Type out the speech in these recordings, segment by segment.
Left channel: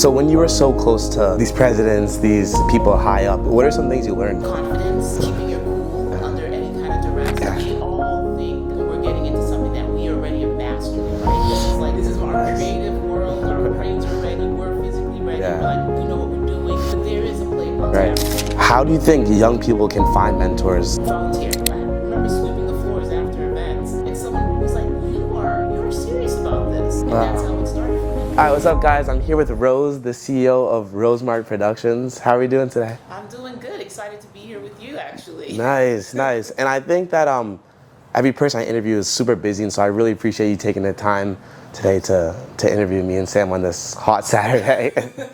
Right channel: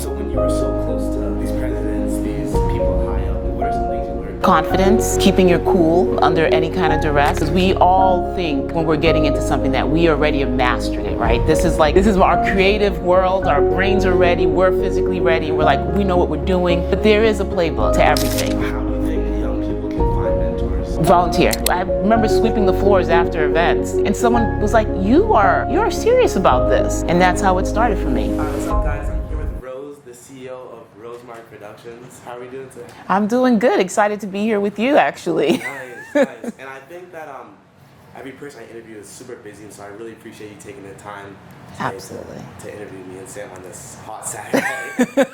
So when you were so close to these presidents, these people high up, what are some things you learned? Confidence, keeping your cool under any kind of duress. We all think when we're getting into something that we already have mastered it, right? This is our creative world, our brains are ready, we're physically ready, we're like, we know what we're doing, but there is a playbook to everything. How do you think young people can find mentors? Volunteer. I remember sweeping the floors after events, and someone was like, you're serious about this. And that's how it started for me. All right, what's up guys? I'm here with Rose, the CEO of RoseMark Productions. How are we doing today? I'm doing good. Excited to be here with you, actually. Nice, nice. And I think that every person I interview is super busy, and so I really appreciate you taking the time today to interview me and Sam on this hot Saturday.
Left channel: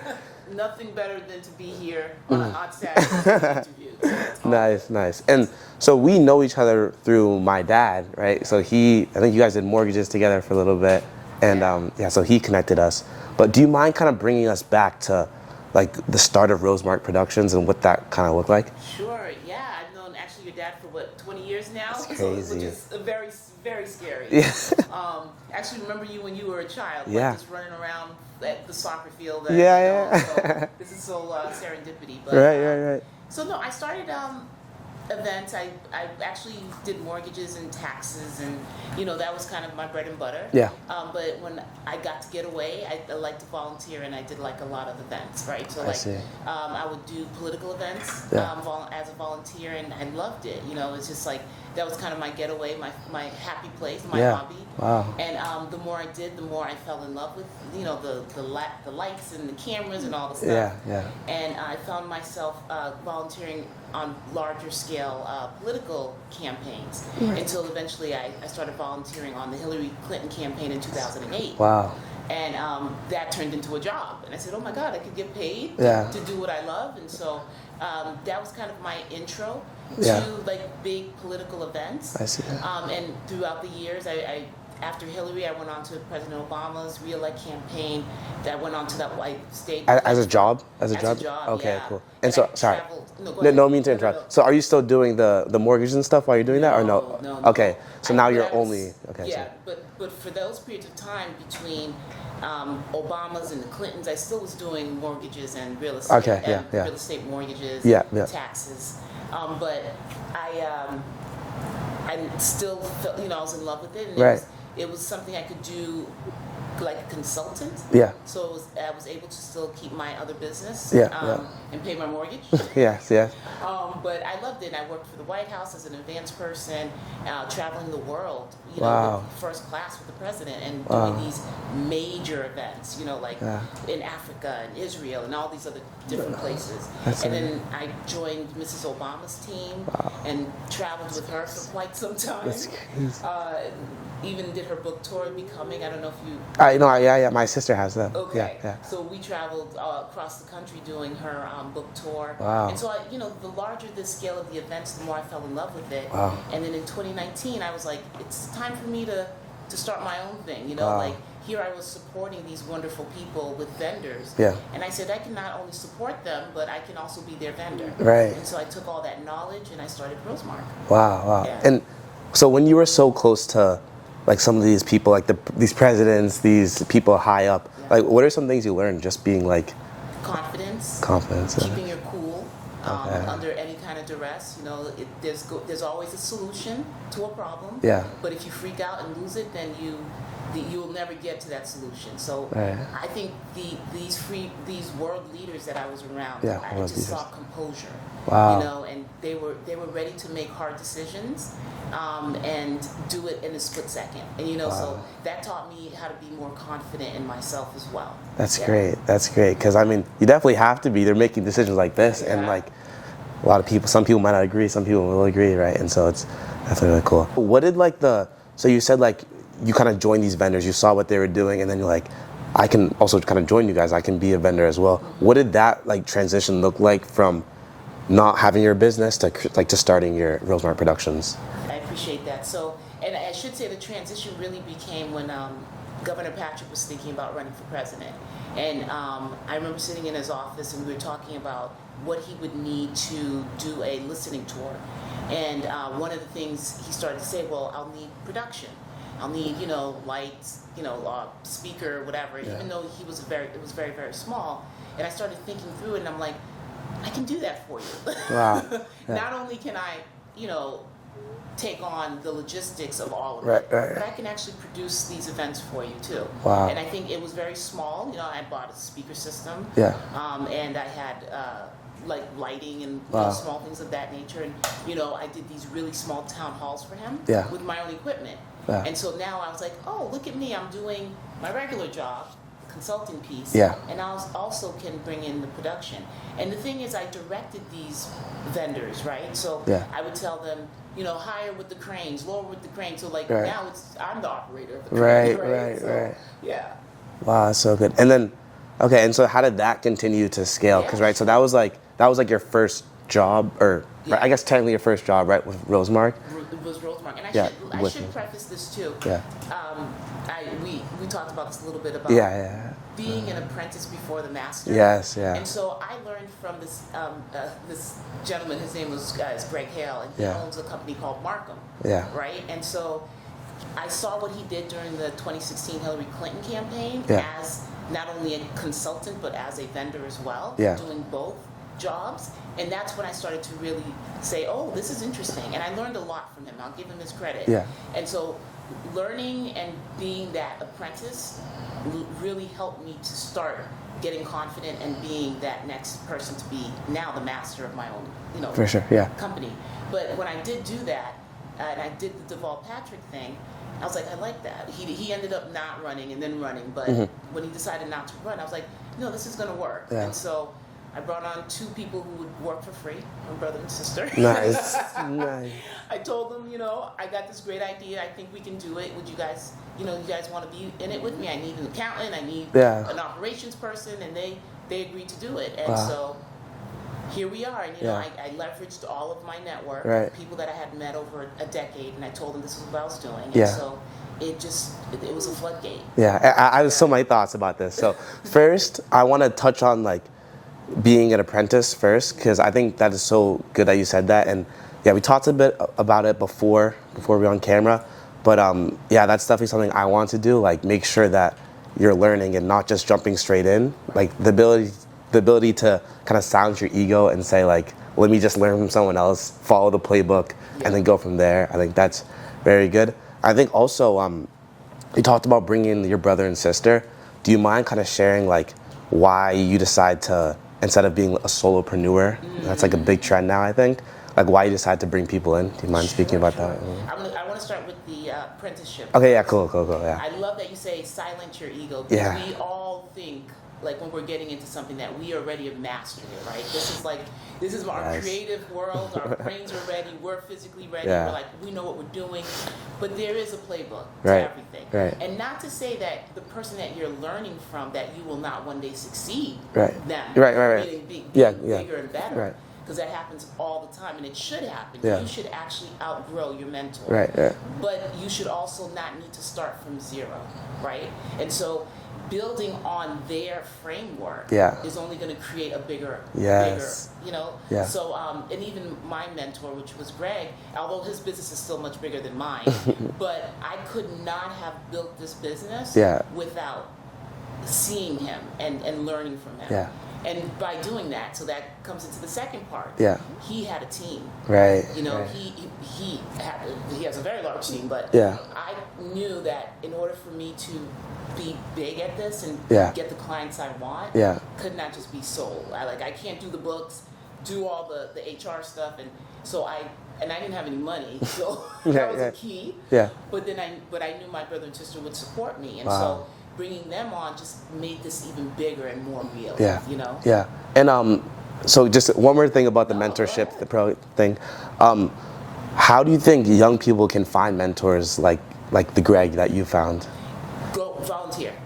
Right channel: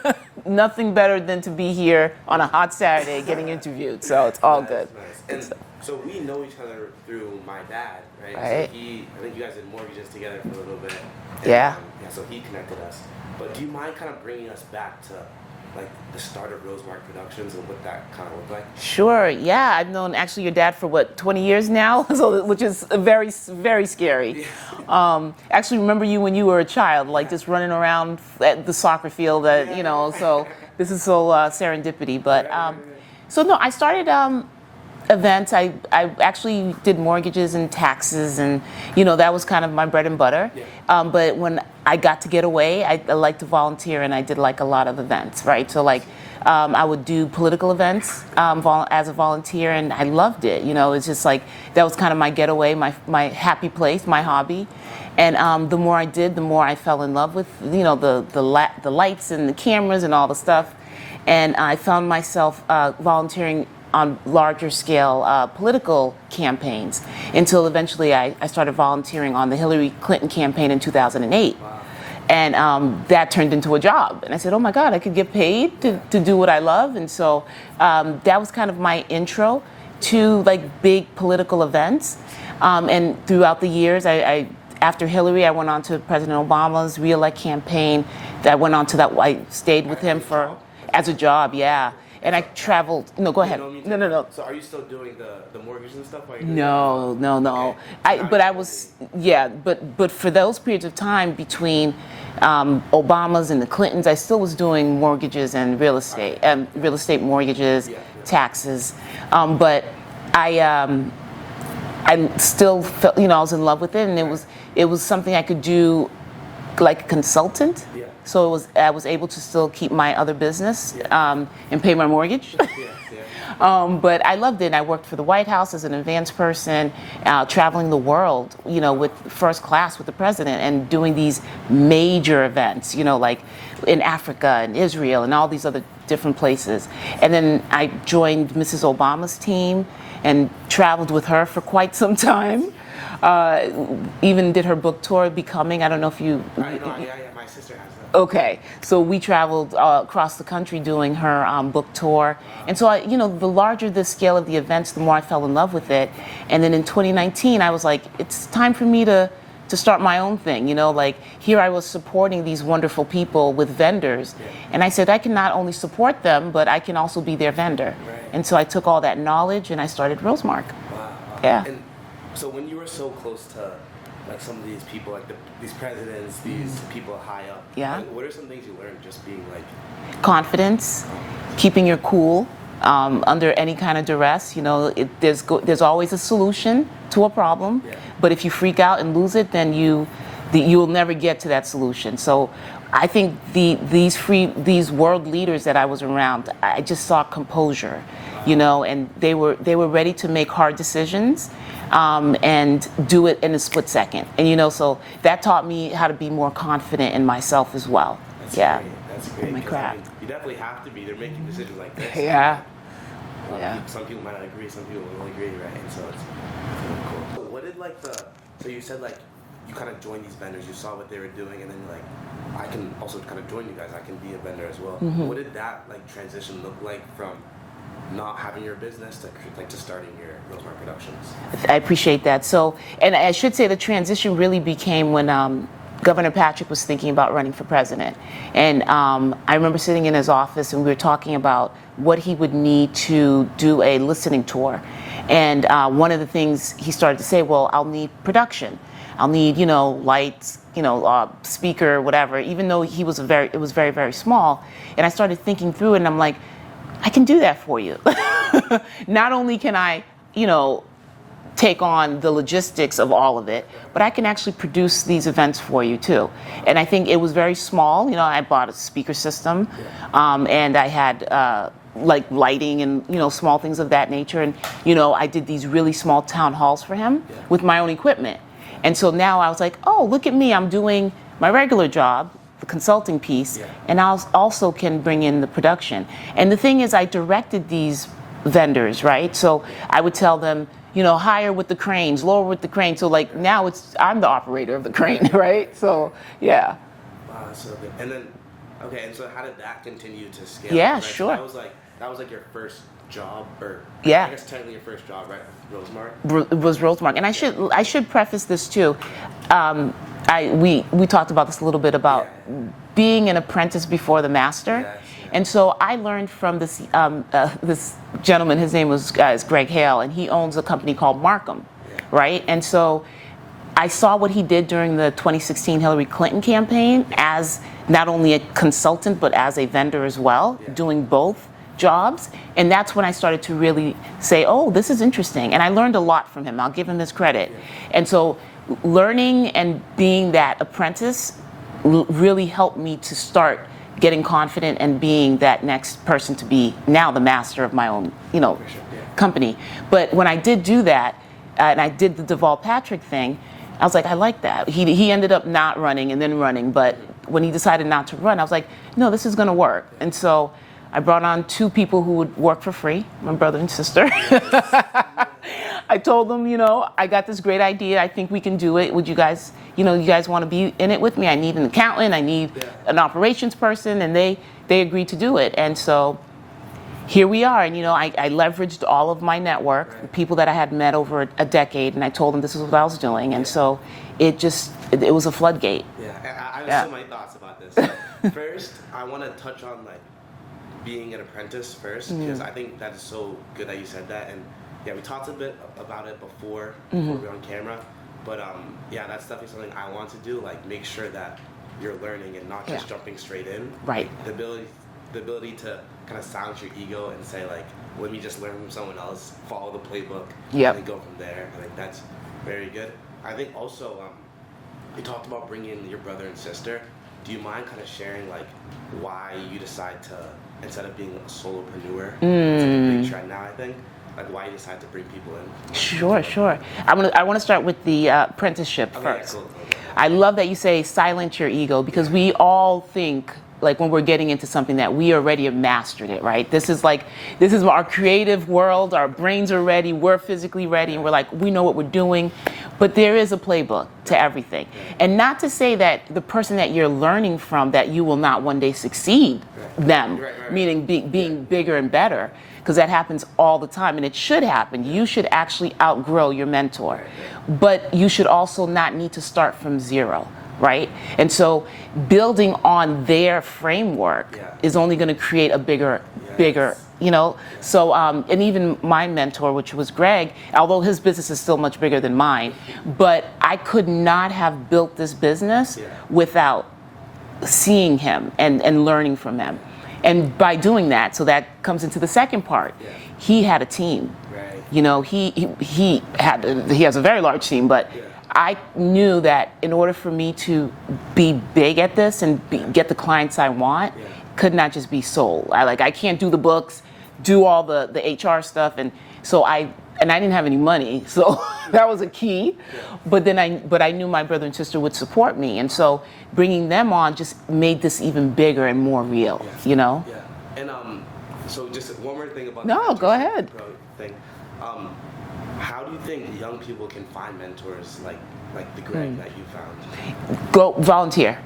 Nothing better than to be here on a hot Saturday getting interviewed, so it's all good. Nice. And so we know each other through my dad, right? So I think you guys did mortgages together for a little bit, and so he connected us. But do you mind kind of bringing us back to like the start of RoseMark Productions and what that kind of looked like? Sure, yeah. I've known actually your dad for what, 20 years now? So, which is very, very scary. Yeah. Actually remember you when you were a child, like just running around at the soccer field, so this is so serendipity. But so no, I started events. I actually did mortgages and taxes, and that was kind of my bread and butter. Yeah. But when I got to get away, I liked to volunteer, and I did like a lot of events, right? So like I would do political events as a volunteer, and I loved it. It's just like that was kind of my getaway, my happy place, my hobby. Wow. And the more I did, the more I fell in love with the lights and the cameras and all the stuff. Yeah. And I found myself volunteering on larger scale political campaigns until eventually I started volunteering on the Hillary Clinton campaign in 2008. Wow. And that turned into a job. And I said, oh my God, I could get paid to do what I love. And so that was kind of my intro to like big political events. I see. And throughout the years, after Hillary, I went on to President Obama's re-elect campaign. That went on to that. I stayed with him as a job. As a job, okay, yeah. Cool. And I traveled. No, go ahead. No. So are you still doing the mortgages and stuff while you're doing that? Or no. No. Okay. So now you're only. But for those periods of time between Obama's and the Clintons, I still was doing mortgages and real estate, real estate mortgages, taxes. But I still felt, I was in love with it, and it was something I could do like a consultant. Yeah. So I was able to still keep my other business and pay my mortgage. But I loved it. I worked for the White House as an advance person, traveling the world, with first class with the president and doing these major events, like in Africa and Israel and all these other different places. And then I joined Mrs. Obama's team and traveled with her for quite some time. Even did her book tour, Becoming. I don't know if you... my sister has that. Okay. So we traveled across the country doing her book tour. Wow. And so, the larger the scale of the events, the more I fell in love with it. Wow. And then in 2019, I was like, it's time for me to start my own thing, like here I was supporting these wonderful people with vendors. Yeah. And I said, I can not only support them, but I can also be their vendor. Right. And so I took all that knowledge and I started RoseMark. Wow. Yeah. And so when you were so close to like some of these people, like these presidents, these people high up, like what are some things you learned just being like? Confidence. Keeping your cool. Under any kind of duress, there's always a solution to a problem. Yeah. But if you freak out and lose it, then you'll never get to that solution. So I think these world leaders that I was around, I just saw composure. Wow. And they were ready to make hard decisions. And do it in a split second. And so that taught me how to be more confident in myself as well. That's great. That's great. Because you definitely have to be. They're making decisions like this. Yeah. And like a lot of people, some people might not agree, some people will agree, right? And so that's really cool. What did so you said like you kind of joined these vendors, you saw what they were doing, and then you're like, I can also kind of join you guys, I can be a vendor as well. Mm-hmm. What did that like transition look like from not having your business to starting your RoseMark Productions? I appreciate that. So, and I should say the transition really became when Governor Patrick was thinking about running for president. And I remember sitting in his office and we were talking about what he would need to do a listening tour. And one of the things he started to say, well, I'll need production. I'll need, lights, speaker, whatever, even though it was very, very small. And I started thinking through it, and I'm like, I can do that for you. Wow. Not only can I, take on the logistics of all of it, but I can actually produce these events for you too. Wow. And I think it was very small. I bought a speaker system, and I had like lighting and small things of that nature. And I did these really small town halls for him with my own equipment. Yeah. And so now I was like, oh, look at me! I'm doing my regular job, the consulting piece, and I also can bring in the production. And the thing is, I directed these vendors, right? So I would tell them, higher with the cranes, lower with the cranes. So like now I'm the operator of the crane, right? So yeah. Wow, that's so good. And then, okay, and so how did that continue to scale? Yeah, right. Sure. So that was like your first job, or I guess technically your first job, right, with RoseMark? It was RoseMark, and I should preface this too. Yeah. We talked about this a little bit about being an apprentice before the master. Yes, yeah. And so I learned from this this gentleman. His name is Greg Hale, and he owns a company called Markham. Yeah. Right. And so I saw what he did during the 2016 Hillary Clinton campaign as not only a consultant but as a vendor as well, doing both jobs. And that's when I started to really say, oh, this is interesting. And I learned a lot from him. I'll give him his credit. Yeah. And so learning and being that apprentice really helped me to start getting confident and being that next person to be now the master of my own, For sure, company. But when I did do that, and I did the Deval Patrick thing, I was like, I like that. He ended up not running and then running, but when he decided not to run, I was like, no, this is going to work. Yeah. And so I brought on 2 people who would work for free, my brother and sister. Nice. Nice. I told them, I got this great idea. I think we can do it. Would you guys, you guys want to be in it with me? I need an accountant. I need an operations person. And they agreed to do it. And so here we are. And, I leveraged all of my network, people that I had met over a decade. And I told them this is what I was doing. And so it was a floodgate. Yeah. I have so many thoughts about this. So first, I want to touch on being an apprentice first, because I think that is so good that you said that. And we talked a bit about it before we were on camera, but that's definitely something I want to do, make make that you're learning and not just jumping straight in. Right. The ability to kind of silence your ego and say let me just learn from someone else, follow the playbook, and then go from there. I think that's very good. I think also you talked about bringing in your brother and sister. Do you mind kind of sharing why you decide to, instead of being a solopreneur, that's a big trend now, I think, why you decide to bring people in? Do you mind speaking about that? I want to start with the apprenticeship first. Yeah, cool. Yeah. I love that you say silence your ego, because we all think when we're getting into something that we already have mastered it, right? This is our creative world. Our brains are ready. We're physically ready. Yeah. We're we know what we're doing. But there is a playbook to everything. Right. And not to say that the person that you're learning from, that you will not one day succeed them, meaning being bigger and better. Because that happens all the time, and it should happen. Yeah. You should actually outgrow your mentor. But you should also not need to start from zero. Right? And so building on their framework is only going to create a bigger, So, and even my mentor, which was Greg, although his business is still much bigger than mine, but I could not have built this business without seeing him and learning from him. Yeah. And by doing that, so that comes into the second part. Yeah. He had a team. Right. He has a very large team, but I knew that in order for me to be big at this and get the clients I want, could not just be sold. I can't do the books, do all the HR stuff, and so I didn't have any money, so that was a key. Yeah. But I knew my brother and sister would support me, and so bringing them on just made this even bigger and more real. Yeah. Yeah. And so just one more thing about the mentorship thing. How do you think young people can find mentors like the Greg that you found? Go volunteer.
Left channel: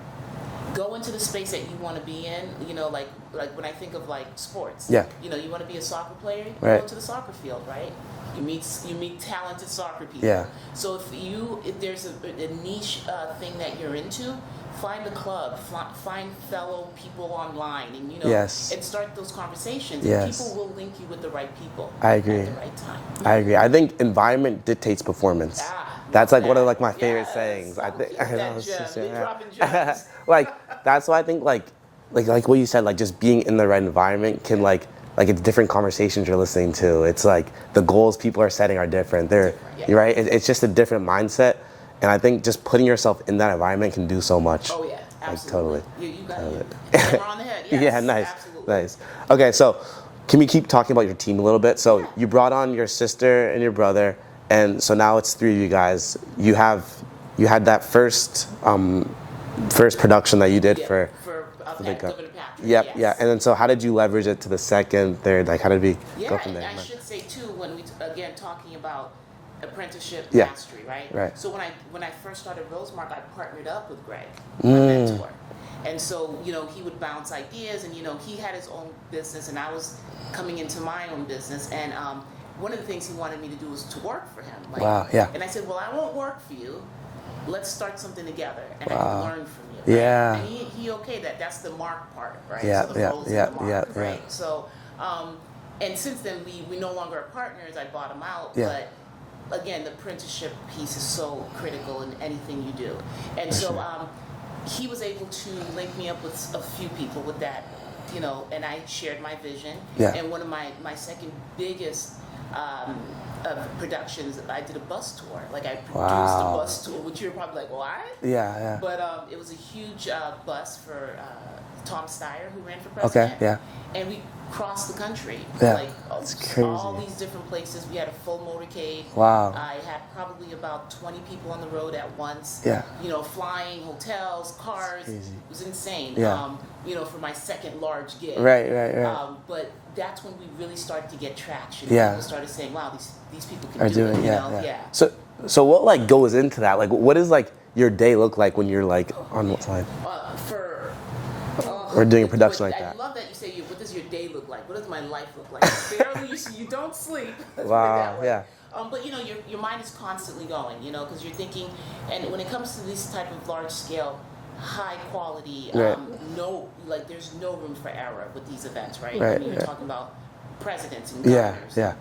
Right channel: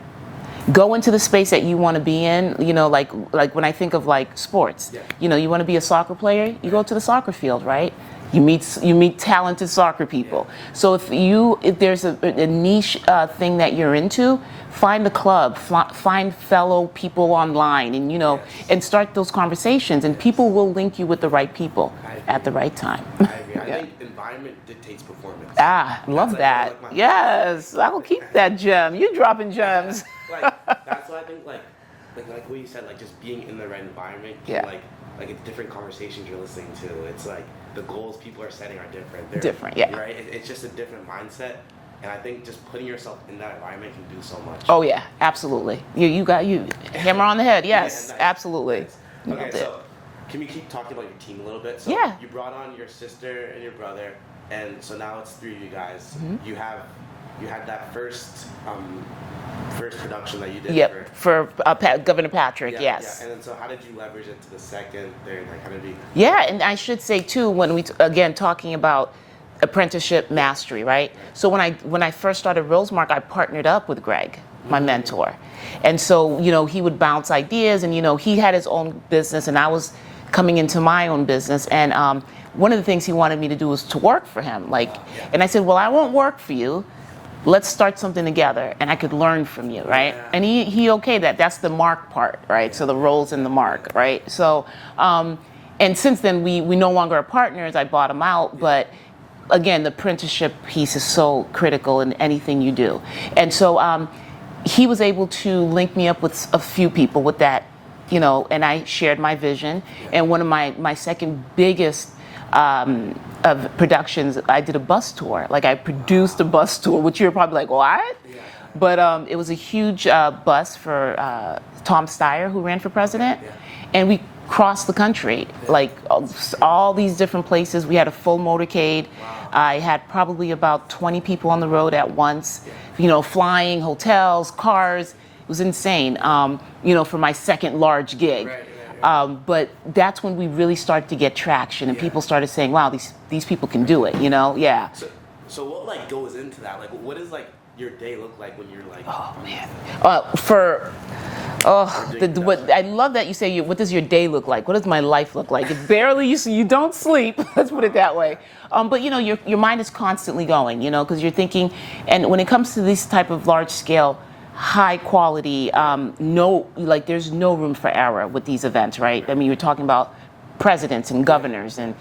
Go into the space that you want to be in. Like when I think of sports. Yeah. You want to be a soccer player, you go to the soccer field, right? You meet talented soccer people. So if there's a niche thing that you're into, find a club, find fellow people online, and and start those conversations. And people will link you with the right people at the right time. I agree. I think environment dictates performance. That's like that. one of like my favorite sayings. I will keep that gem. You're dropping gems. Like that's why I think like what you said, like just being in the right environment can like it's different conversations you're listening to. It's like the goals people are setting are different. They're different, right? It's just a different mindset. And I think just putting yourself in that environment can do so much. Oh yeah, absolutely. Like, totally. You got hammer on the head. Yes, yeah, nice. Absolutely. Nice. Okay, so can we keep talking about your team a little bit? So you brought on your sister and your brother, and so now it's 3 of you guys. You had that first production that you did for Governor Patrick. Yes. Yeah. And then so how did you leverage it to the second, third? Like how did we? Yeah, and I should say too, when we again talking about apprenticeship mastery, right? So when I first started RoseMark, I partnered up with Greg, my mentor, and so he would bounce ideas, and he had his own business, and I was coming into my own business, and one of the things he wanted me to do was to work for him, and I said, well, I won't work for you. Let's start something together, and I could learn from you, right? Yeah. And he okayed that. That's the mark part, right? Yeah, so the roles in the mark, right? So, and since then we no longer are partners. I bought him out, but again, the apprenticeship piece is so critical in anything you do. And so he was able to link me up with a few people with that, and I shared my vision. And one of my second biggest of productions, I did a bus tour. Like I produced a bus tour, which you're probably like, what? Yeah. But it was a huge bus for Tom Steyer, who ran for president. And we crossed the country, like all these different places. We had a full motorcade. I had probably about 20 people on the road at once. Flying, hotels, cars. It was insane. For my second large gig. Right. But that's when we really started to get traction, and people started saying, "Wow, these people can do it." So what like goes into that? Like, what does like your day look like when you're like on the side? We're doing production like I love that you say, what does your day look like? What does my life look like? It's barely, you don't sleep, let's put it that way. But your mind is constantly going, because you're thinking, and when it comes to this type of large scale, high quality, there's no room for error with these events, right? I mean, you're talking about presidents and governors, and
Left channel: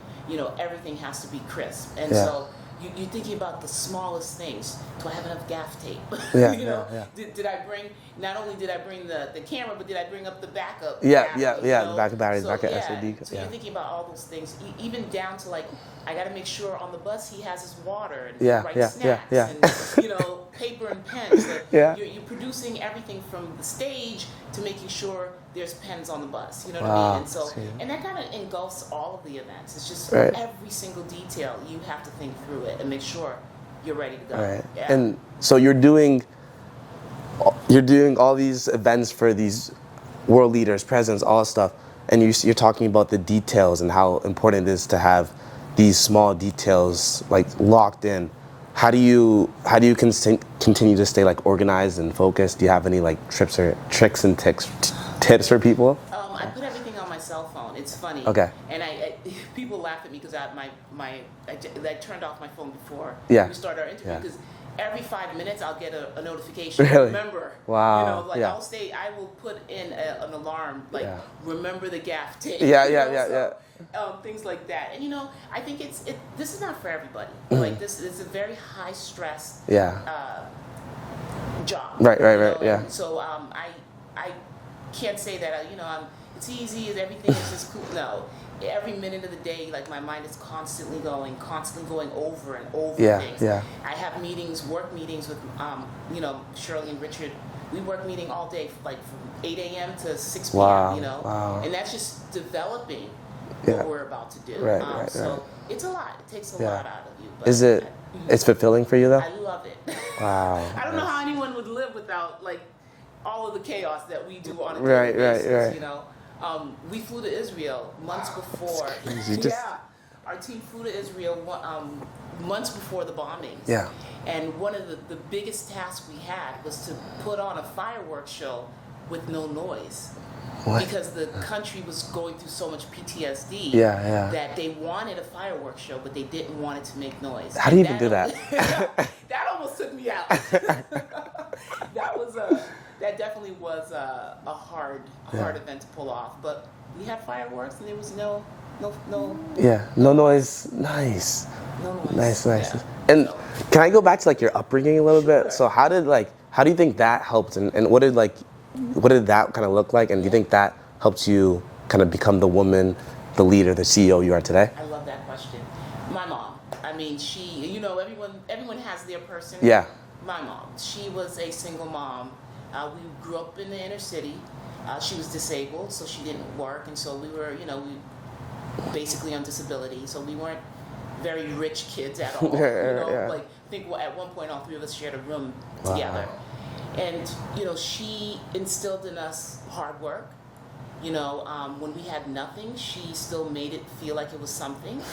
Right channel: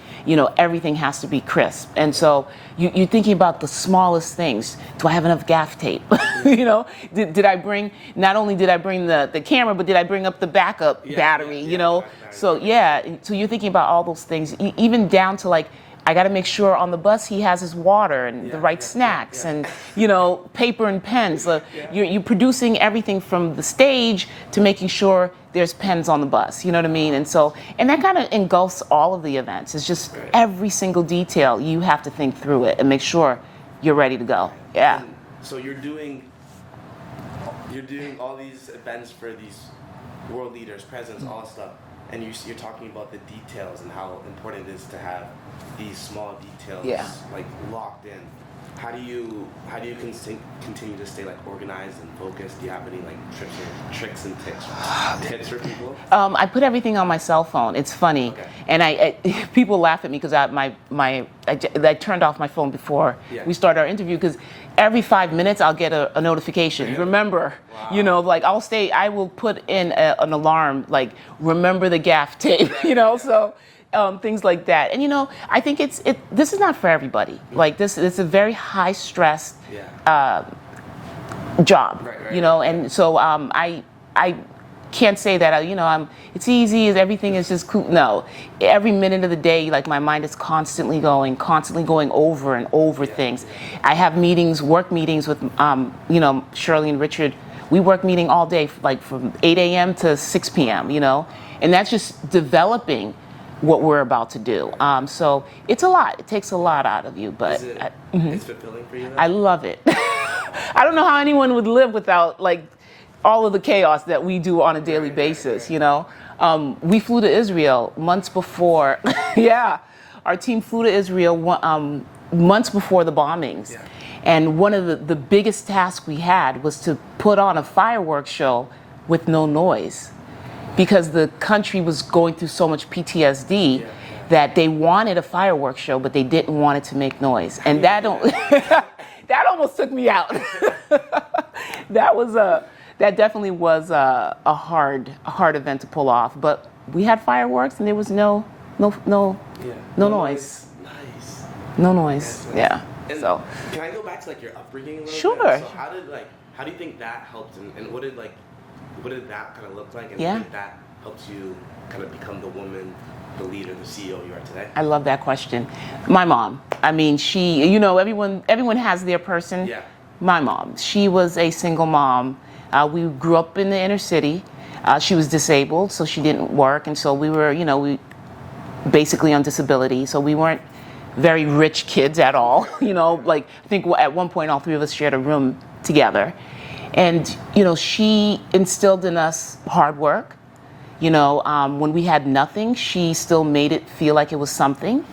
everything has to be crisp. And so you're thinking about the smallest things. Do I have enough gaff tape? Did I bring? Not only did I bring the camera, but did I bring up the backup battery? Backup battery, So you're thinking about all those things, even down to like, I got to make sure on the bus he has his water and the right snacks and paper and pens. You're producing everything from the stage to making sure there's pens on the bus. You know what I mean? And so and that kind of engulfs all of the events. It's just every single detail you have to think through it and make sure you're ready to go. And so you're doing all these events for these world leaders, presidents, all this stuff, and you're talking about the details and how important it is to have these small details like locked in. How do you continue to stay like organized and focused? Do you have any like tricks and tips for people? I put everything on my cell phone. It's funny. Okay. And I people laugh at me because I turned off my phone before we started our interview because every 5 minutes I'll get a notification. Really? Remember. Wow. I will put in an alarm like remember the gaff tape. Things like that, and I think this is not for everybody. Like this is a very high stress job, and so I can't say that it's easy, everything is just cool. No, every minute of the day, like my mind is constantly going over and over things. I have work meetings with Shirley and Richard. We work meeting all day, like from 8 a.m. to 6 p.m. And that's just developing what we're about to do. So it's a lot. It takes a lot out of you. But is it? It's fulfilling for you though. I love it. Wow. I don't know how anyone would live without like all of the chaos that we do on a daily basis. We flew to Israel months before. Our team flew to Israel months before the bombings. And one of the biggest tasks we had was to put on a fireworks show with no noise. because the country was going through so much PTSD that they wanted a fireworks show, but they didn't want it to make noise. How do you do that? That almost took me out. That definitely was a hard event to pull off. But we had fireworks, and there was no noise. Nice. No noise. Nice. Yeah. And can I go back to like your upbringing a little bit? So how do you think that helped, and what did that kind of look like? And do you think that helped you kind of become the woman, the leader, the CEO you are today? I love that question. My mom. I mean, she. You know, everyone has their person. Yeah. My mom. She was a single mom. We grew up in the inner city. She was disabled, so she didn't work, and so we were, we basically on disability. So we weren't very rich kids at all. Like I think at one point all three of us shared a room together. And she instilled in us hard work. When we had nothing, she still made it feel like it was something.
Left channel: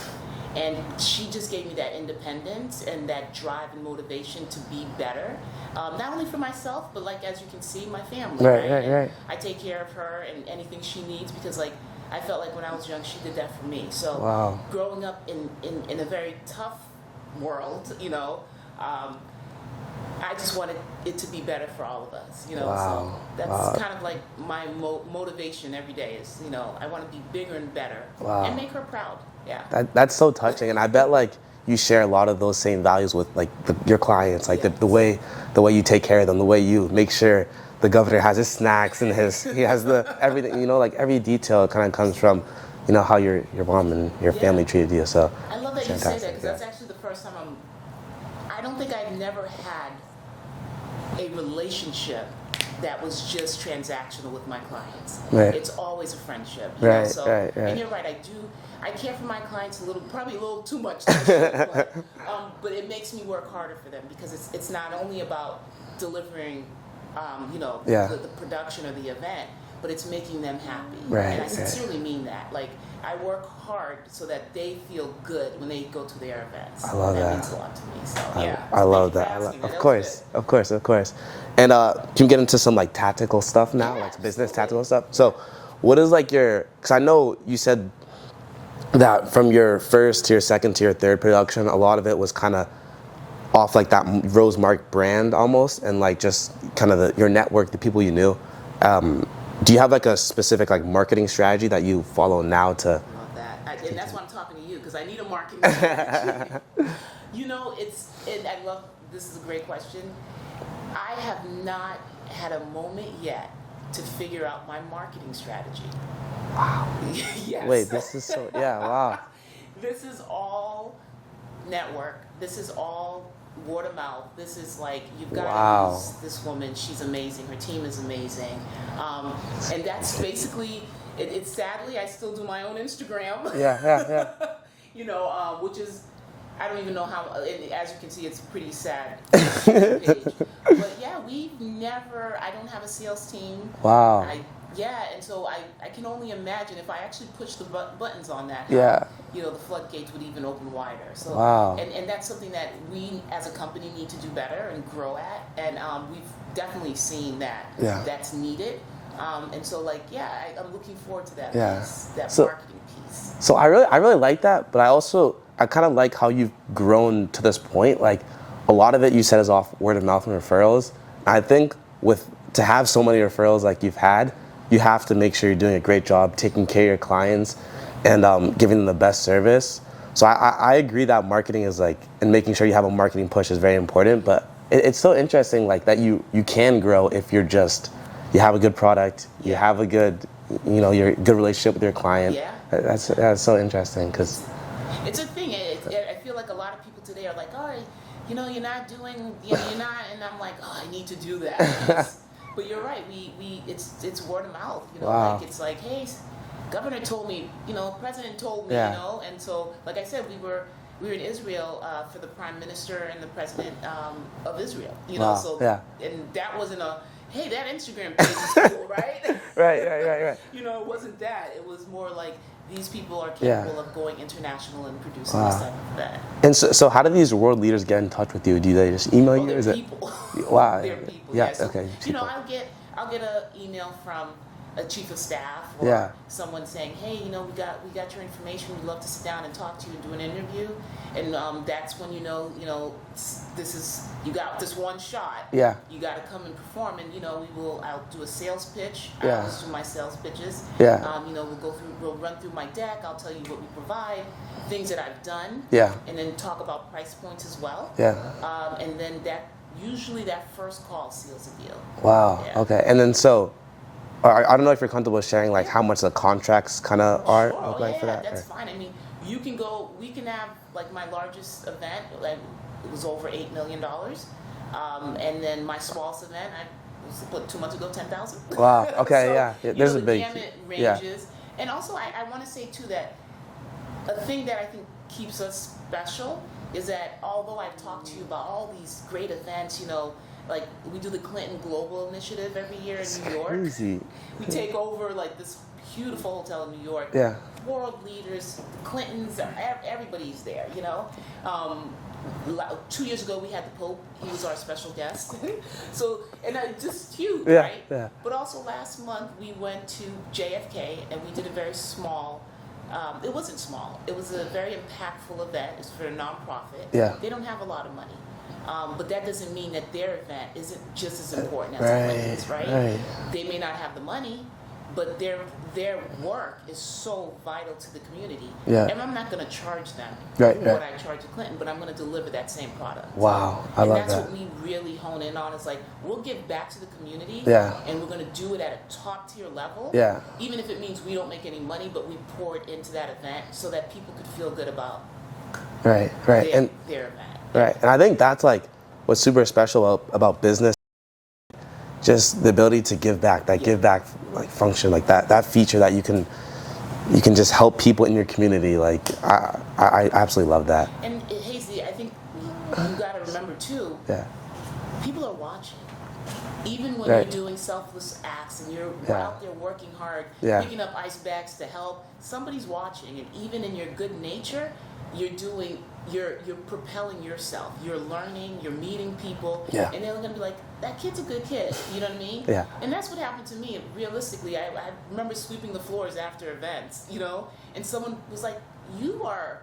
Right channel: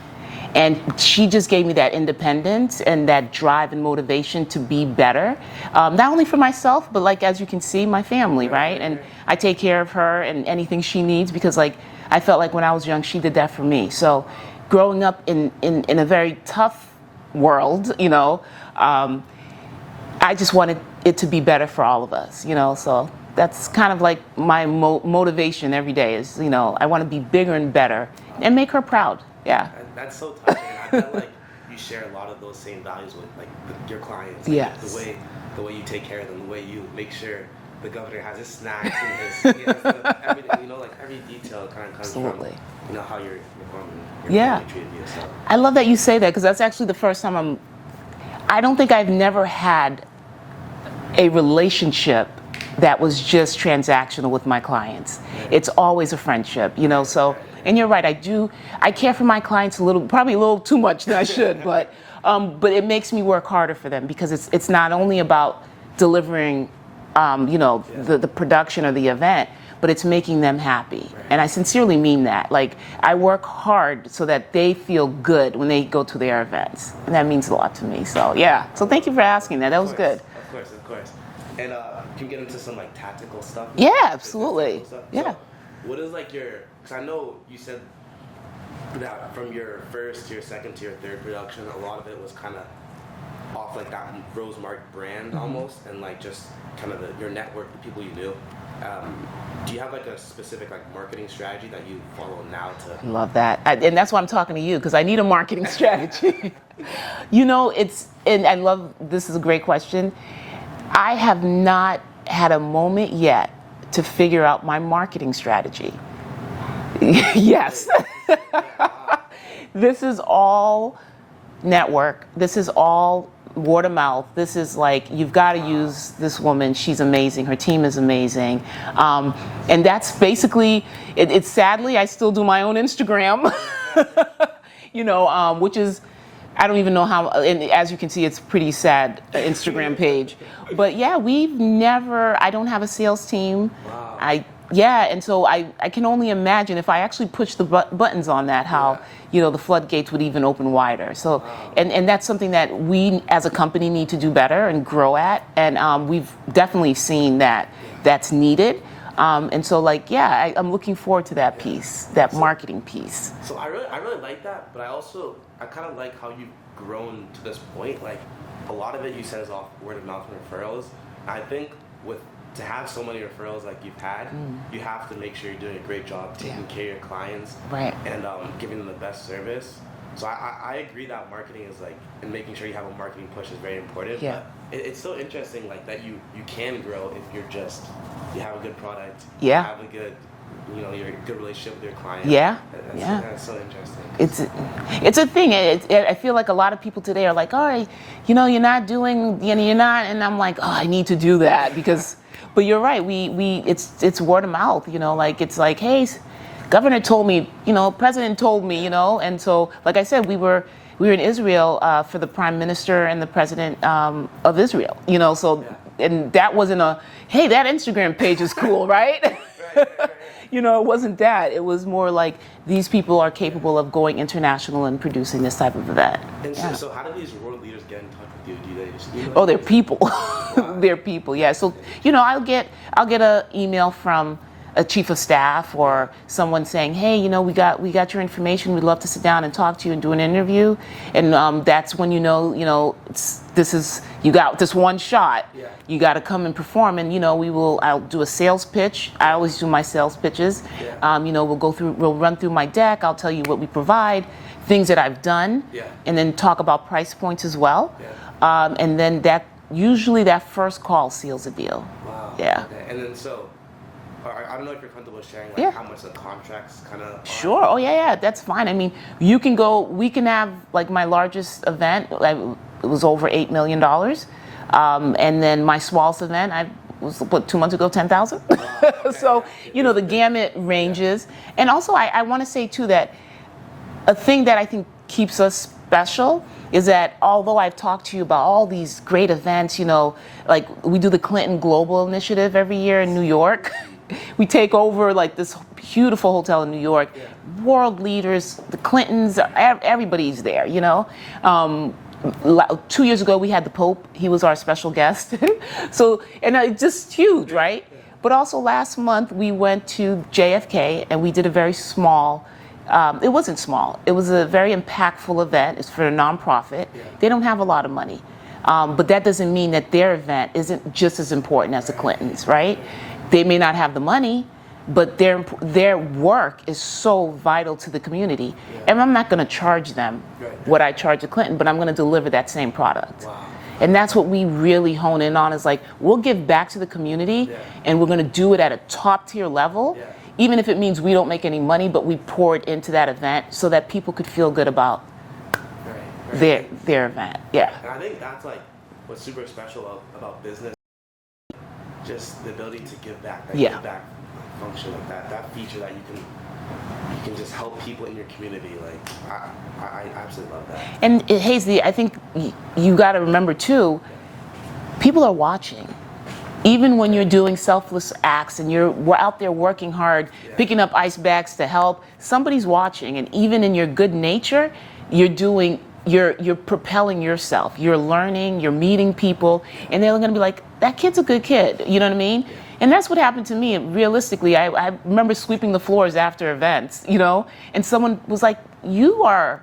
And she just gave me that independence and that drive and motivation to be better, not only for myself, but like, as you can see, my family, right? And I take care of her and anything she needs, because like, I felt like when I was young, she did that for me. So growing up in a very tough world, I just wanted it to be better for all of us, so that's kind of like my motivation every day is, I want to be bigger and better and make her proud. Yeah. That's so touching. And I bet like you share a lot of those same values with like your clients, like the way you take care of them, the way you make sure the governor has his snacks and he has everything, like every detail kind of comes from, how your mom and your family treated you. So I love that you say that, because that's actually the first time I don't think I've never had a relationship that was just transactional with my clients. It's always a friendship, and you're right, I care for my clients probably a little too much than I should, but it makes me work harder for them, because it's not only about delivering the production or the event, but it's making them happy. And I sincerely mean that. Like, I work hard so that they feel good when they go to their events. And that means a lot to me. So So thank you for asking that. That was good. Of course. And can you get into some like tactical stuff now? Yeah, business absolutely. Tactical stuff. Yeah. So what is like because I know you said that from your first to your second to your third production, a lot of it was kind of off like that RoseMark brand almost, and like just kind of your network, the people you knew. Do you have like a specific like marketing strategy that you follow now to? Love that, and that's why I'm talking to you, because I need a marketing strategy. And I love, this is a great question. I have not had a moment yet to figure out my marketing strategy. Wow. Yes. Wait, this is so, wow. This is all network. This is all word of mouth. This is like, you've got to use this woman. She's amazing. Her team is amazing. And that's basically, it's sadly, I still do my own Instagram. Which is, I don't even know how, and as you can see, it's a pretty sad Instagram page. But I don't have a sales team. Wow. And so I can only imagine if I actually push the buttons on that, how the floodgates would even open wider. So and that's something that we as a company need to do better and grow at, and we've definitely seen that that's needed. And so I'm looking forward to that piece, marketing piece. So I really like that, but I kind of like how you've grown to this point. Like, a lot of it you said is off word of mouth and referrals. I think to have so many referrals like you've had, you have to make sure you're doing a great job taking care of your clients and giving them the best service. So I agree that marketing is like, and making sure you have a marketing push is very important. But it's so interesting like that you can grow if you have a good product, you have a good, your good relationship with your client. That's so interesting. It's a thing. I feel like a lot of people today are like, all right, you're not doing, you're not, and I'm like, oh, I need to do that because. But you're right. It's word of mouth. Like it's like, hey, governor told me. President told me. And so, like I said, we were in Israel for the prime minister and the president of Israel. And that wasn't hey, that Instagram page is cool, right? Right. It wasn't that. It was more like these people are capable of going international and producing this type of event. And so how do these world leaders get in touch with you? Do they just email you? They're people. They're people. So I'll get an email from a chief of staff or someone saying, hey, you know, we got your information. We'd love to sit down and talk to you and do an interview. And that's when you know, you got this one shot. Yeah. You got to come and perform. And, you know, I'll do a sales pitch. I always do my sales pitches. Yeah. You know, we'll run through my deck. I'll tell you what we provide, things that I've done. Yeah. And then talk about price points as well. Yeah. And then usually that first call seals a deal. Wow. Yeah. Okay. And then I don't know if you're comfortable sharing like how much the contracts kind of are. Sure. Oh yeah, that's fine. I mean, we can have like my largest event. It was over $8 million, and then my smallest event, was 2 months ago, 10,000. Wow. Okay. So you know the gamut ranges, and also I want to say too that a thing that I think keeps us special is that although I've talked to you about all these great events, you know, like we do the Clinton Global Initiative every year in New York. We take over like this beautiful hotel in New York. Yeah. World leaders, the Clintons, everybody's there, you know. 2 years ago we had the Pope. He was our special guest. So, and it's just huge, right? Yeah. But also last month we went to JFK and we did a very small, it wasn't small. It was a very impactful event. It's for a nonprofit. Yeah. They don't have a lot of money. But that doesn't mean that their event isn't just as important as the Clintons, right? They may not have the money, but their work is so vital to the community. Yeah. And I'm not going to charge them what I charge a Clinton, but I'm going to deliver that same product. Wow. And that's what we really hone in on is like, we'll give back to the community and we're going to do it at a top tier level, even if it means we don't make any money, but we pour it into that event so that people could feel good about their event. Yeah. Right. And I think that's like what's super special about business, just the ability to give back, that give back like function, like that feature that you can just help people in your community. Like I absolutely love that. And Hazy, I think you got to remember too, people are watching. Even when you're doing selfless acts and you're out there working hard, picking up ice bags to help, somebody's watching. And even in your good nature, you're propelling yourself. You're learning, you're meeting people, and they're going to be like, that kid's a good kid. You know what I mean? Yeah. And that's what happened to me. Realistically, I remember sweeping the floors after events, you know, and someone was like, you're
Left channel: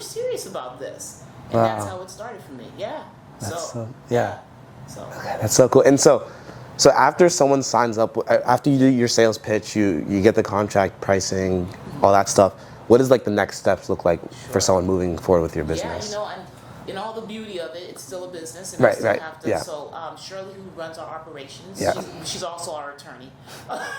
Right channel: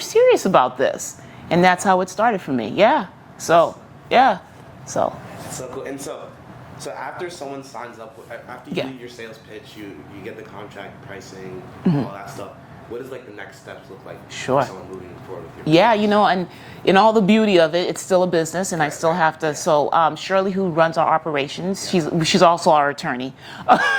serious about this. And that's how it started for me. Yeah. So. Okay, that's so cool. And so after someone signs up, after you do your sales pitch, you get the contract pricing, all that stuff. What does like the next steps look like for someone moving forward with your business? Yeah, you know, and in all the beauty of it, it's still a business, and I still have to. So Shirley, who runs our operations, she's also our attorney.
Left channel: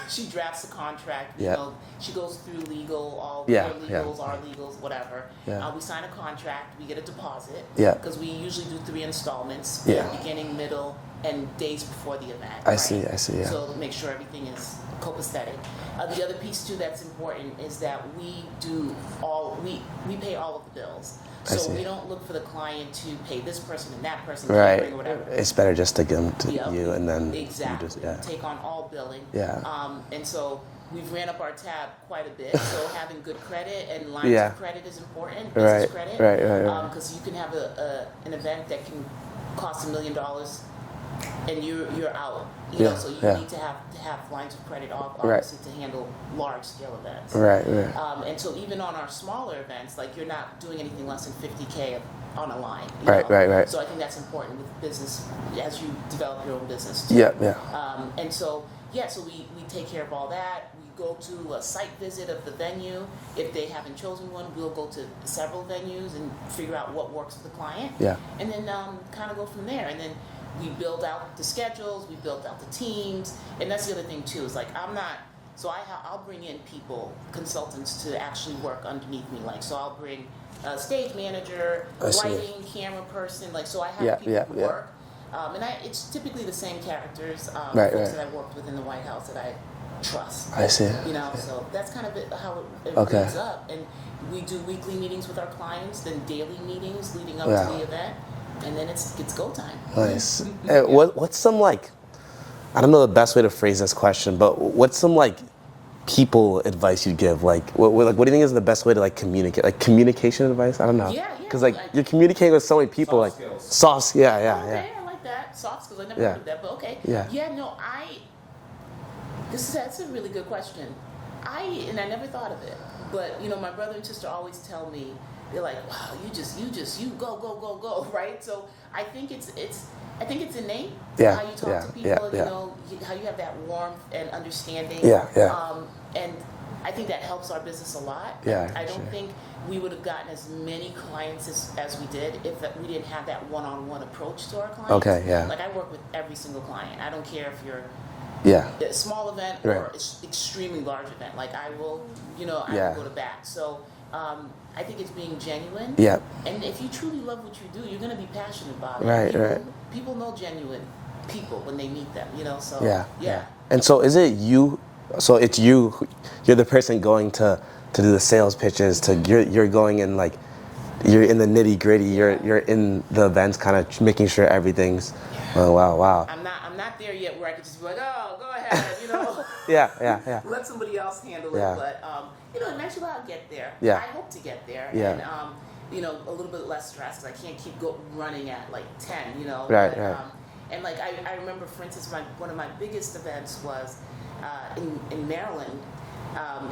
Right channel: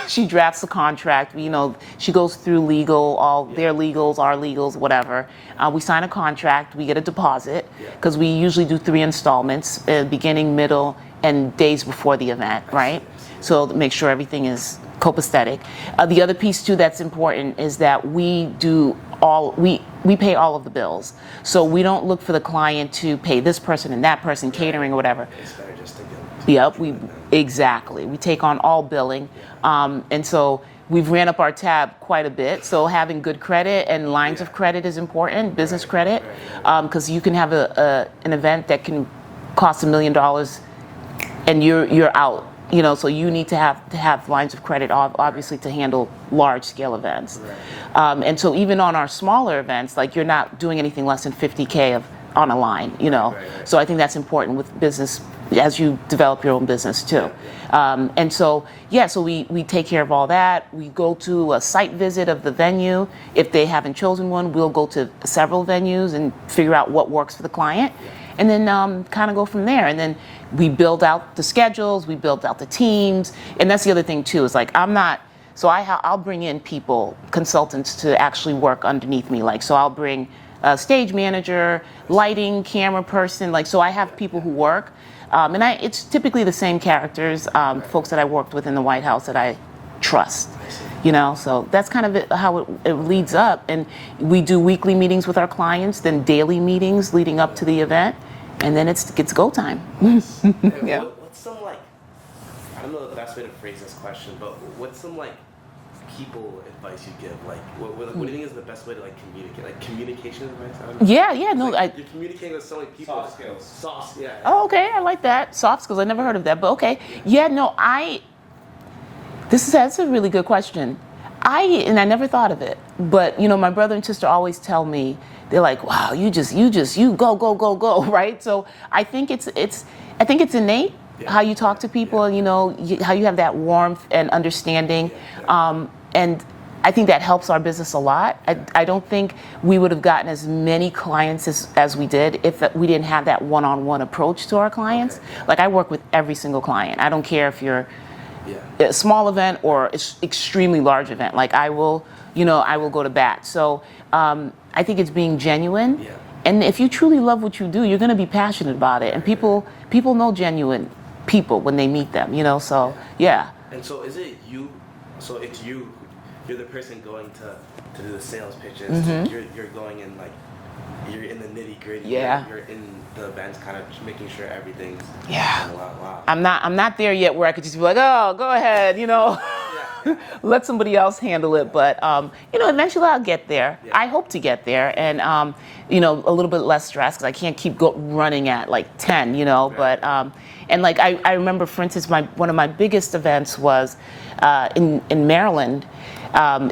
She drafts the contract. You know, she goes through legal, all their legals, our legals, whatever. We sign a contract. We get a deposit because we usually do 3 installments: beginning, middle, and days before the event. I see. Yeah. So make sure everything is copacetic. The other piece too that's important is that we pay all of the bills. So we don't look for the client to pay this person and that person, catering or whatever. It's better just to give them to you and then exactly. We take on all billing. And so we've ran up our tab quite a bit. So having good credit and lines of credit is important, business credit, because you can have an event that can cost $1 million and you're out. You know, so you need to have lines of credit, obviously, to handle large-scale events. And so even on our smaller events, like you're not doing anything less than $50K on a line, you know. So I think that's important with business as you develop your own business too. And so, so we take care of all that. We go to a site visit of the venue. If they haven't chosen one, we'll go to several venues and figure out what works for the client. And then kind of go from there. And then we build out the schedules, we build out the teams. And that's the other thing too, is like I'll bring in people, consultants to actually work underneath me. Like, so I'll bring a stage manager, lighting, camera person. Like, so I have people who work. And it's typically the same characters, folks that I worked with in the White House that I trust. I see. You know, so that's kind of how it leads up. And we do weekly meetings with our clients, then daily meetings leading up to the event. And then it's go time. Nice. What's some like, I don't know the best way to phrase this question, but what's some like people advice you'd give? Like, what do you think is the best way to like communicate? Like communication advice? I don't know. Because like you're communicating with so many people. Soft skills. Soft skills. Oh, okay. I like that. Soft skills. I never heard of that, but okay. That's a really good question. I never thought of it, but my brother and sister always tell me, they're like, wow, you go, right? So I think it's innate how you talk to people, how you have that warmth and understanding. And I think that helps our business a lot. I don't think we would have gotten as many clients as we did if we didn't have that one-on-one approach to our clients. Like, I work with every single client. I don't care if you're a small event or extremely large event. Like, I will go to bat. So I think it's being genuine. And if you truly love what you do, you're going to be passionate about it. And people know genuine people when they meet them. So And so is it you? So it's you. You're the person going to do the sales pitches. You're going in, like, you're in the nitty gritty. You're in the events, kind of making sure everything's. Oh, wow. I'm not there yet where I could just be like, oh, go ahead, let somebody else handle it. But eventually I'll get there. I hope to get there, and a little bit less stress, because I can't keep running at like 10. And like I remember, for instance, one of my biggest events was in Maryland.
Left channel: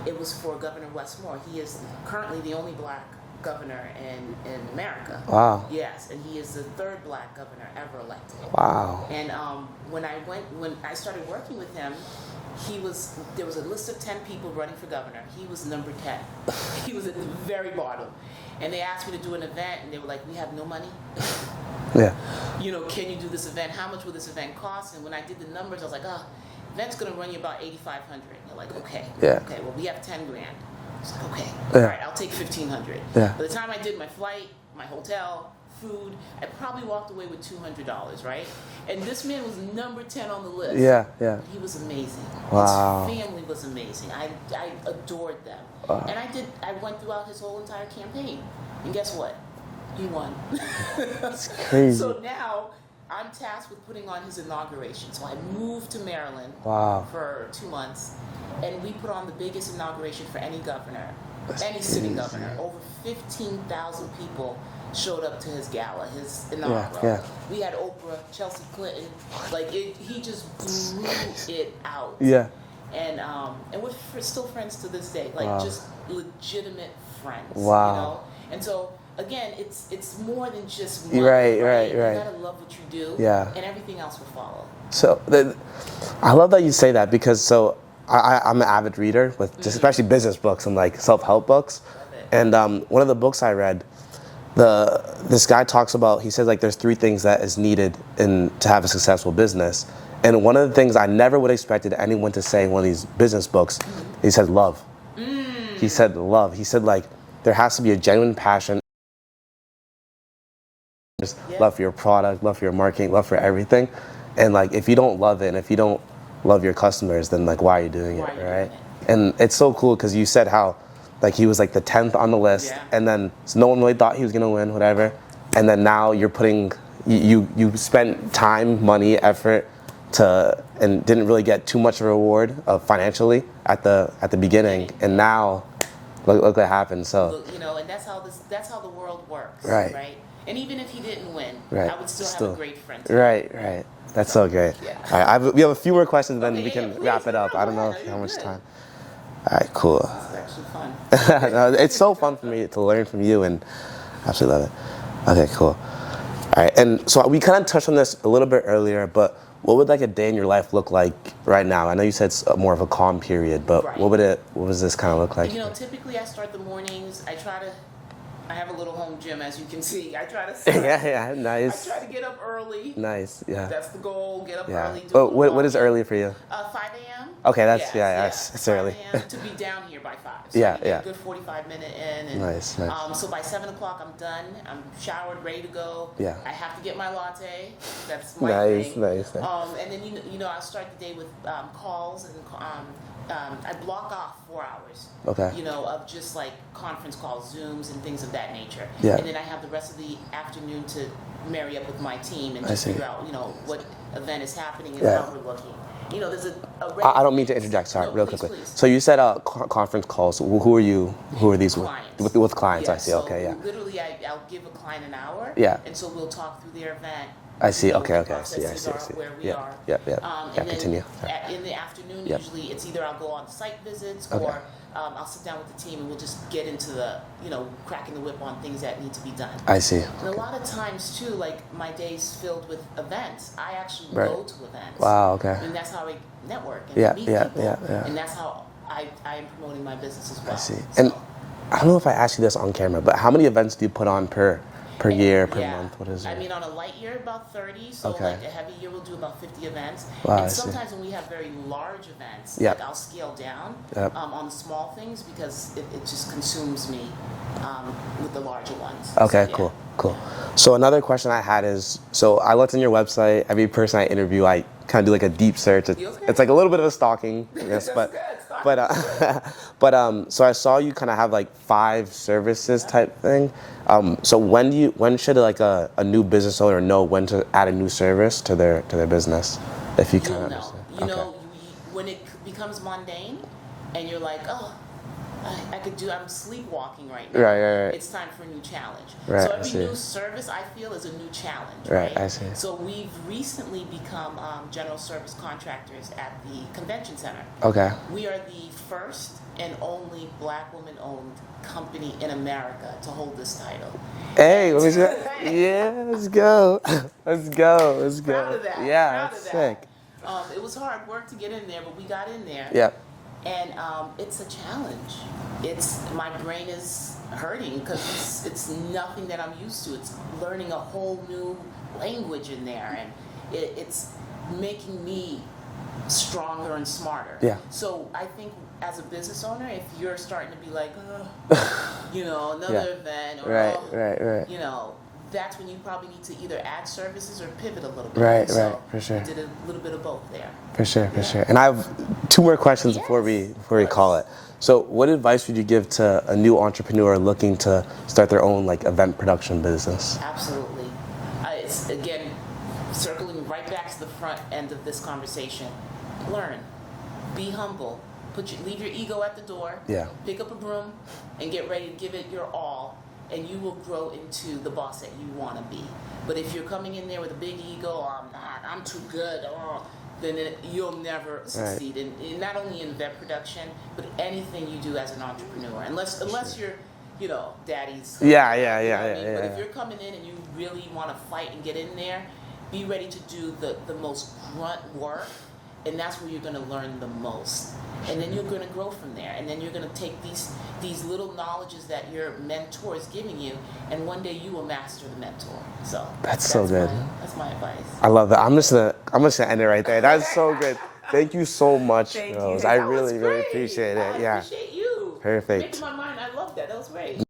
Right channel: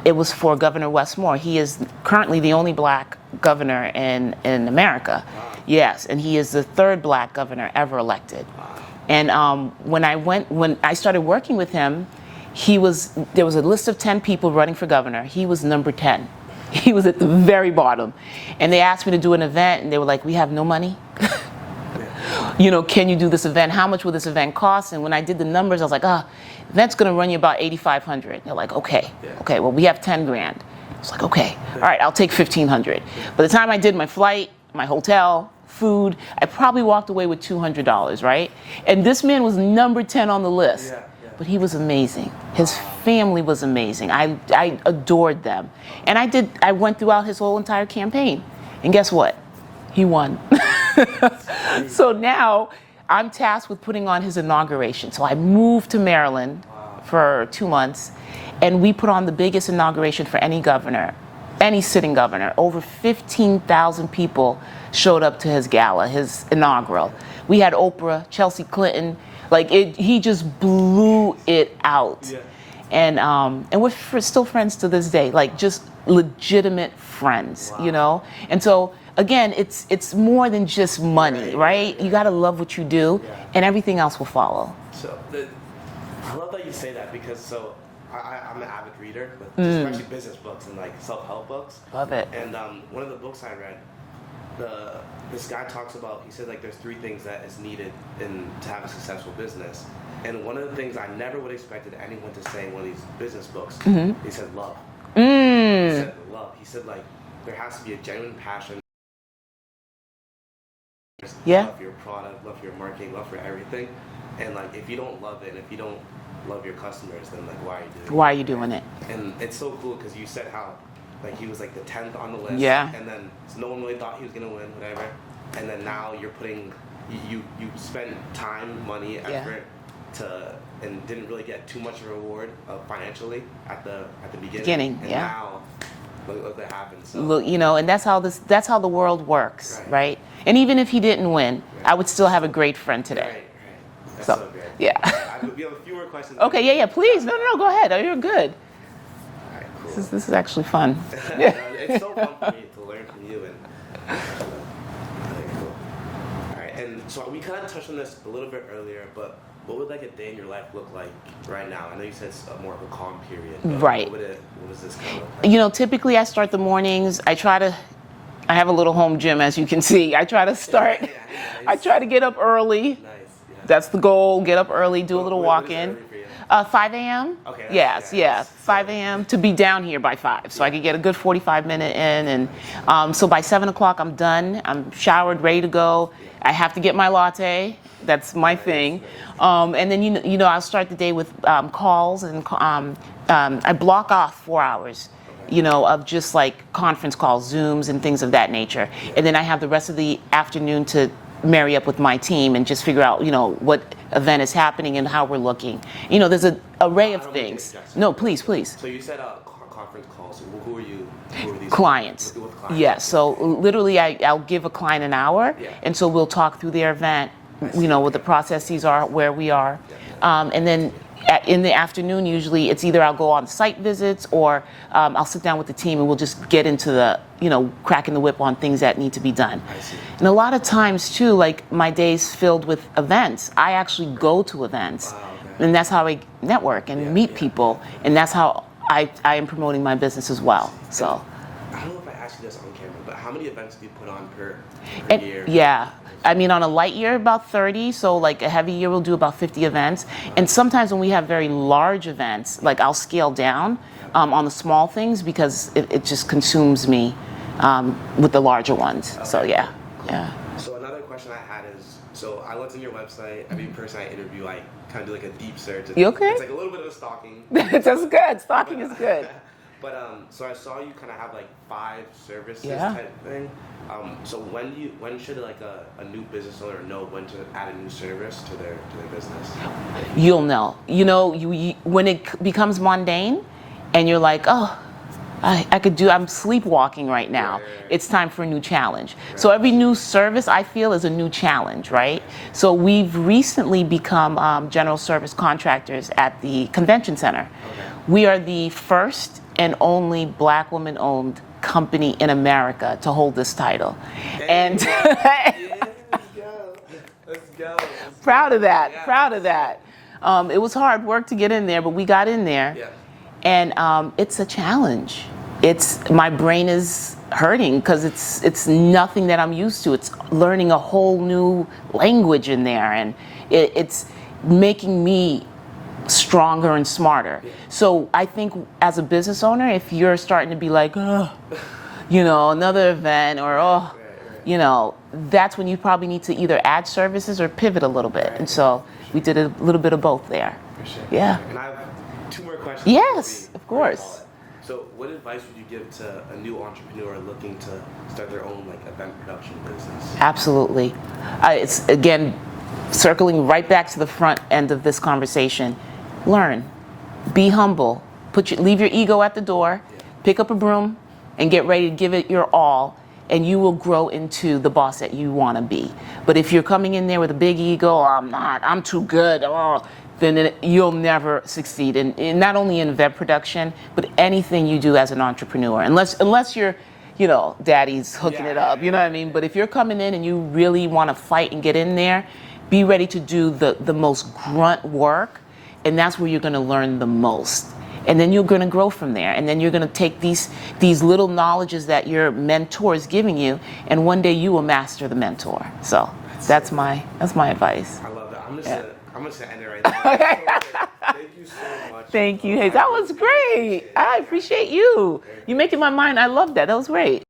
It was for Governor Wes Moore. He is currently the only black governor in America. Wow. Yes, and he is the third black governor ever elected. Wow. And when I started working with him, there was a list of 10 people running for governor. He was number 10. He was at the very bottom. And they asked me to do an event, and they were like, we have no money. Can you do this event? How much will this event cost? And when I did the numbers, I was like, that's going to run you about $8,500. They're like, okay, well, we have 10 grand. I was like, okay, all right, I'll take 1,500. By the time I did my flight, my hotel, food, I probably walked away with $200, right? And this man was number 10 on the list. But he was amazing. Wow. His family was amazing. I adored them. And I went throughout his whole entire campaign. And guess what? He won. So now I'm tasked with putting on his inauguration. So I moved to Maryland for 2 months, and we put on the biggest inauguration for any governor, any sitting governor. Over 15,000 people showed up to his gala, his inaugural. We had Oprah, Chelsea Clinton. Like, he just blew it out. And we're still friends to this day. Like, just legitimate friends, And so, again, it's more than just money, right? You got to love what you do, and everything else will follow. So I love that you say that, because I'm an avid reader with especially business books and like self-help books. Love it. And one of the books I read, this guy talks about, he says, like, there's 3 things that is needed to have a successful business. And one of the things I never would have expected anyone to say in one of these business books, he said love. He said love. He said, like, there has to be a genuine passion. Love for your product, love for your marketing, love for everything. And like, if you don't love it, and if you don't love your customers, then like, why are you doing it? Why are you doing it? And it's so cool, because you said how, like, he was like the 10th on the list, and then so no one really thought he was gonna win, whatever. And then now you're putting, you spent time, money, effort and didn't really get too much of a reward financially at the beginning. And now, look what happened. So look, and that's how the world works, right? And even if he didn't win, I would still have a great friend today. Right. That's so great. Yeah. All right, we have a few more questions. Okay, please. No, go ahead. You're good. All right, cool. This is actually fun. It's so fun for me to learn from you, and I actually love it. Okay, cool. All right, and so we kind of touched on this a little bit earlier, but what would like a day in your life look like right now? I know you said it's more of a calm period, but what does this kind of look like? Typically I start the mornings. I have a little home gym, as you can see. I try to start. Nice. I try to get up early. Nice. Yeah. That's the goal. Get up early, do a little walk. What is early for you? 5 a.m. Okay, that's yes. 5 a.m. to be down here by 5, so I can get a good 45-minute in. And nice. So by 7 o'clock, I'm done. I'm showered, ready to go. I have to get my latte. That's my thing. Nice. And then I'll start the day with calls and. I block off 4 hours, of just like conference calls, Zooms, and things of that nature. And then I have the rest of the afternoon to marry up with my team and just figure out, what event is happening and how we're looking. There's an array of things. I don't mean to interject. Sorry, no, please. So you said conference calls. Who are you? Who are these? Clients. With clients. Yes. So literally, I'll give a client an hour. And so we'll talk through their event. I see. What the processes are, where we are. And then in the afternoon, usually it's either I'll go on site visits or I'll sit down with the team and we'll just get into the, cracking the whip on things that need to be done. I see. And a lot of times too, like my day's filled with events. I actually go to events. Wow, okay. And that's how I network and meet people. And that's how I am promoting my business as well. So. And I don't know if I asked you this on camera, but how many events do you put on per year? Per month? I mean, on a light year, about 30. So like a heavy year, we'll do about 50 events. Wow, and sometimes when we have very large events, like I'll scale down on the small things because it just consumes me with the larger ones. Okay, so, cool. Yeah. So another question I had is, so I looked on your website. Every person I interview, I kind of do like a deep search. You okay? It's like a little bit of stalking. That's good. Stalking is good. But so I saw you kind of have like 5 services type thing. So when should like a new business owner know when to add a new service to their business? If you'll know. When it becomes mundane, and you're like, oh, I'm sleepwalking right now. Right. It's time for a new challenge. So every new service I feel is a new challenge, right? I see. So we've recently become general service contractors at the convention center. Okay. We are the first and only Black woman-owned company in America to hold this title. Hey, let's go. Let's go. Proud of that. Yeah, proud of that. It was hard work to get in there, but we got in there. Yeah. And it's a challenge. My brain is hurting because it's nothing that I'm used to. It's learning a whole new language in there, and it's making me stronger and smarter. Yeah. So I think as a business owner, if you're starting to be like, oh, another event, or that's when you probably need to either add services or pivot a little bit. And so we did a little bit of both there. For sure. And I have 2 more questions before we call it. So what advice would you give to a new entrepreneur looking to start their own like event production business? Absolutely. It's again circling right back to the front end of this conversation. Learn, be humble, leave your ego at the door, pick up a broom and get ready to give it your all, and you will grow into the boss that you want to be. But if you're coming in there with a big ego, I'm too good, then you'll never succeed in not only in event production, but anything you do as an entrepreneur, unless you're daddy's hooking it up, you know what I mean? But if you're coming in and you really want to fight and get in there, be ready to do the most grunt work, and that's where you're going to learn the most. And then you're going to grow from there. And then you're going to take these little knowledges that your mentor is giving you, and one day you will master the mentor. So that's my advice. I love that. I'm just gonna end it right there. That's so good. Thank you so much. Thank you. Hey, that was great. Really appreciate it. I appreciate you. Perfect. You're making my mind. I love that. That was great.